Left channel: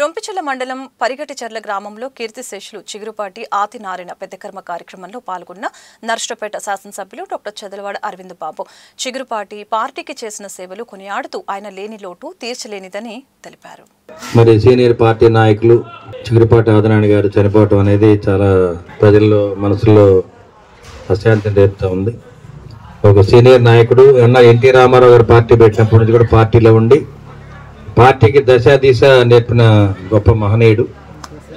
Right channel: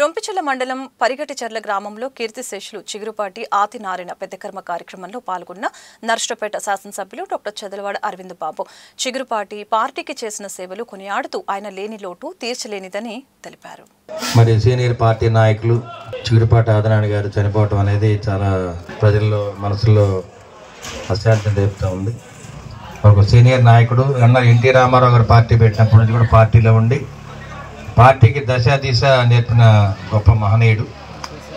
రొంపిచెర్ల మండలం పరిగటిచెర్ల గ్రామంలో కీర్తిశేషులు చిగురుపాటి ఆతినారాయణ పెద్దకర్మ కార్యక్రమంలో పాల్గొన్న నర్సరావుపేట శాసనసభ్యులు డాక్టర్ చదలవాడ అరవింద్ బాబు చిగురుపాటి పార్టీకి చేసిన సేవలు కొనియాడుతూ ఆయన లేని లోటు తీర్చలేనిదని తెలిపారు. మరి సీనియర్ పార్టీ నాయకులు చిగురుపాటి ఆదినారాయణ గారు చనిపోవడం అనేది చాలా ప్రజల్లో మనసులో అశాంతిని రేపుతూ ఉంది. ఒక సీనియర్ నాయకుడు ఎన్టీ రామారావు గారు పార్టీ పెట్టినప్పటి నుంచి కూడా పార్టీలో ఉండి పార్టీకి దశ దిశ నేర్పిన గొప్ప మహనీయుడు.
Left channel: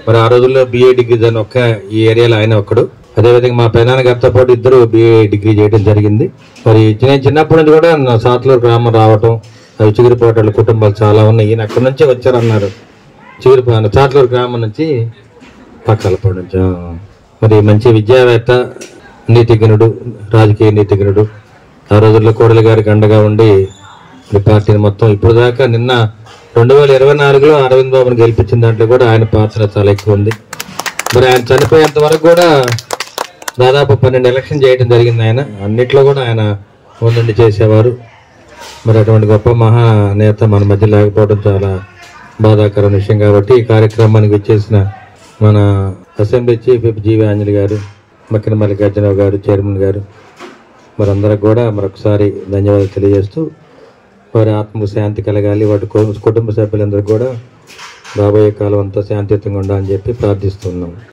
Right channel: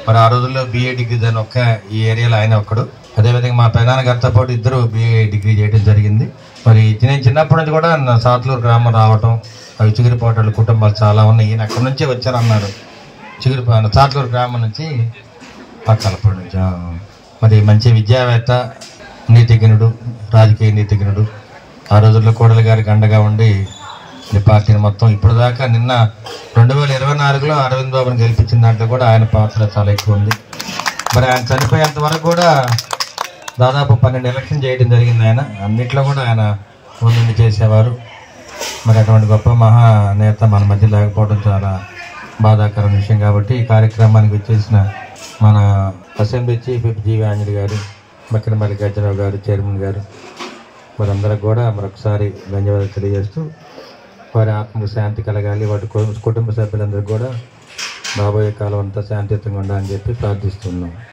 మరి ఆ రోజుల్లో BA డిగ్రీ దాని ఒక్క ఈ ఏరియాలో ఆయన ఒక్కడు. అదేవిధంగా మా పెదనాన్న గారితో పాటు ఇద్దరు BA డిగ్రీ చేయడం జరిగింది. మరి చిన్నప్పటి నుంచి కూడా సాతులూరు గ్రామం రావటం, చిగురుపాటి కుటుంబాలు చాలా ఉన్నాయి. ఈయన అక్కడి నుంచే వచ్చారన్నారు. సాతులూరు గ్రామం నుంచి పక్కలపాడు నుంచి. మరి మంచి విద్యావేత్త, నీతిజ్ఞుడు, రాజకీయ నీతిజ్ఞుడు. ఆ రోజుల్లో కోడలి గారికి అండగా ఉండి ఈ పార్టీని మొత్తం ఇప్పుడు దాకా నిన్న 2024లో అరవింద్ బాబుని గెలిపించిన దాంట్లో కూడా ఆయన పాత్ర చాలా ఎక్కువ ఉంది. మరి ఆయన చనిపోయేంత వరకు కూడా దాదాపు 12 ఎలక్షన్ చేయడం జరిగింది. ఆయన అన్నిట్లో కూడా ఆయన ముందుండి చేసేవారు. మరి అటువంటి గొప్ప మహానేత మన మధ్య లేకపోవడం చాలా బాధాకరమైన విషయం. కాబట్టి ఈ కార్యక్రమానికి వచ్చేసిన మన అసెంబ్లీ చీఫ్ జీవి ఆంజనేయ గారు, మక్కిన మల్లికార్జునరావు గారు, చైర్మన్ గారు, మరందరికి కూడా మరొకసారి ధన్యవాదాలు తెలియజేస్తూ వారి ఆత్మకు శాంతి కలగాలి, వాటి కుటుంబ సభ్యులందరూ కూడా రాబోయే కాలం అంతా శాంతియుతంగా ఉండాలని చెప్పి ప్రార్థిస్తున్నాం.